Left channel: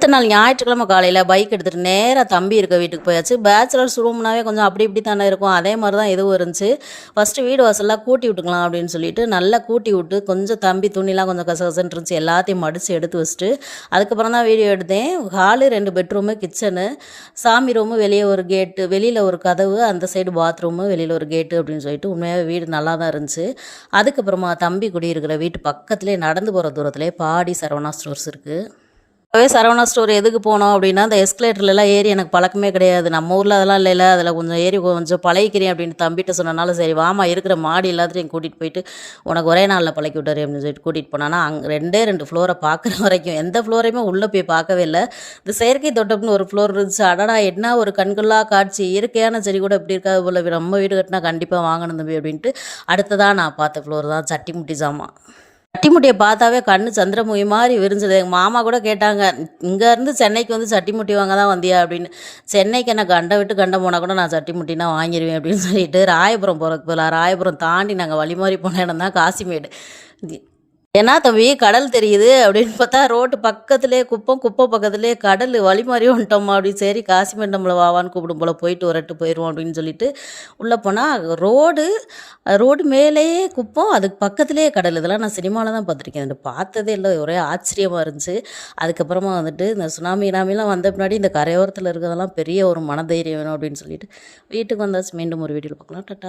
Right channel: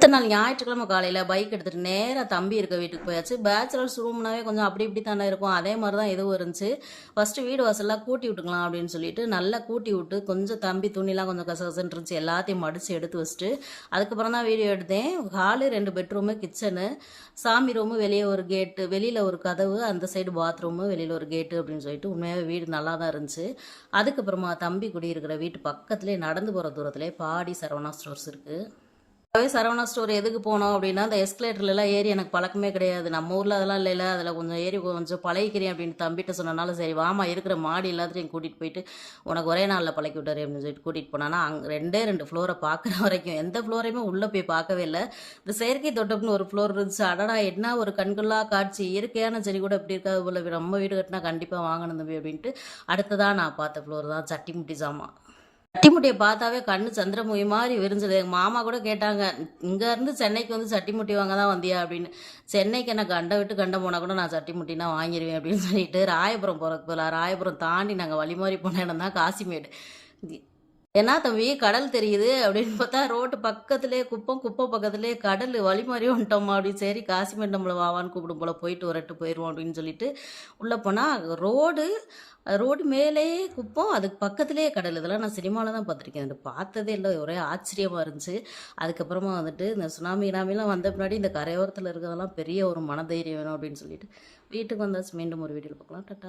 அடுத்த நாள் ஞாயிற்றுக்கிழமை காலையில் பைக் எடுத்துகிட்டு நேராக தம்பி இருக்க வீட்டுக்கு போயாச்சு. பேச்சுலர்ஸ் ரூம்னாவே கொஞ்சம் அப்படி இப்படி தானே இருக்கும். அதே மாதிரி தான் இதுவும் இருந்துச்சு. ஃபஸ்ட்டு வீடு வாசல்லாம் கூட்டி விட்டுக்கலாம் அப்படின்னு சொல்லிட்டு நல்லா கூட்டி விட்டு கொஞ்சம் தம்பி துணிலாம் கொஞ்சம் கசகசன்னு இருந்துச்சு. எல்லாத்தையும் மடித்து எடுத்து வச்சுட்டு அதுக்கப்புறம் தான் வீடியோ எடுத்தேன். ஹாலு ரெண்டு பெட்ரூமு கிச்சனு சாமி ரூமு வெளியே ஒரு கேட்டு வெளியில் ஒரு கதவு அந்த சைடு பாத்ரூமு வெளியில் ஒரு கேட்டு அப்படின்னு சொல்லிட்டு உண்மையாக வீடு நல்லா தான் இருந்துச்சு. அதுக்கப்புறமா தம்பி குடியிருக்கிற வீட்டு பக்கத்துலேயே நடந்து போகிற தூரத்துலேயே பாடி சரவணா ஸ்டோர்ஸ் இருக்குது இப்போவே சரவணா ஸ்டோர் எதுக்கு போனோம் அப்படின்னா அந்த எஸ்கலேட்டர்லாம் ஏறி எனக்கு பழக்கமே கிடையாது. நம்ம ஊரில் அதெல்லாம் இல்லைல்ல அதில் கொஞ்சம் ஏறி கொஞ்சம் பழகிக்கிறேன் அப்படின்னு தம்பிட்ட சொன்னனால சரி வாமா இருக்கிற மாடி எல்லாத்தையும் கூட்டிகிட்டு போயிட்டு உனக்கு ஒரே நாளில் பழக்கி விட்டாரு அப்படின்னு சொல்லிட்டு கூட்டிகிட்டு போனான்னா அங்கே ரெண்டே ரெண்டு ஃப்ளோரை பார்க்குற வரைக்கும் எந்த ஃப்ளோரையுமே உள்ளே போய் பார்க்கவே இல்லை. இந்த செயற்கை தோட்டம்னு ஒரு ஃப்ளோர் இருந்துச்சு. அடடா என்ன ஒரு கண்கொள்ளா காட்சி. இயற்கையான செடி கூட இப்படி இருக்காது போல். நம்ம வீடு கட்டினா கண்டிப்பாக வாங்கணும் தம்பி அப்படின்ட்டு அடுத்ததாக நான் பார்த்த ஃப்ளோர் தான் சட்டி முட்டி ஜாமான் சட்டிமுட்டியை பார்த்தாவே கண்ணு சந்திரமுகி மாதிரி விரிஞ்சது. எங்கள் மாமா கூட கேட்டாங்க இங்கேருந்து சென்னைக்கு வந்து சட்டிமுட்டி வாங்க தான் வந்தியா? அப்படின்னு. சென்னைக்கு என்ன கண்டை விட்டு கண்டை போனால் கூட நான் சட்டிமுட்டினா வாங்கிடுவேன் அப்படின்னு சொல்லிட்டு ராயபுரம் போகிறதுக்கு போகலாம் ராயபுரம் தாண்டி நாங்கள் வழிமாறி போன இடம் தான் காசிமேடு. ஏன்னா தம்பி கடல் தெரியுது? அப்படின்னு பார்த்தா ரோட்டு பக்கத்துலேயே குப்பம் குப்பை பக்கத்துலேயே கடல் வழி மாதிரி வந்துட்டோமா அப்படின்னு சரி காசிமேடு நம்மளை வாவான்னு கூப்பிடும் போல் போயிட்டு வரட்டு போயிடுவோம் அப்படின்னு சொல்லிட்டு உள்ளே போனால் ரோடு ரோடு மேலேயே குப்பம் அதுக்கு பக்கத்துலேயே கடல். இதெல்லாம் நான் சினிமாவில் தான் பார்த்துருக்கேன். இது பார்த்ததே இல்லை. ஒரே ஆச்சரியமாக இருந்துச்சு. அதுக்கப்புறமா வந்துட்டு இந்த சுனாமி நாமிலாம் வந்த பின்னாடி இந்த கரையோரத்தில் இருக்கிறதெல்லாம் பெரிய ஒரு மனதைரியம் வேணும் அப்படின்னு சொல்லிட்டு வீட்டுக்கு வந்தாச்சு. மீண்டும் ஒரு வீடியோவில் பார்க்கலாம். டட்டா.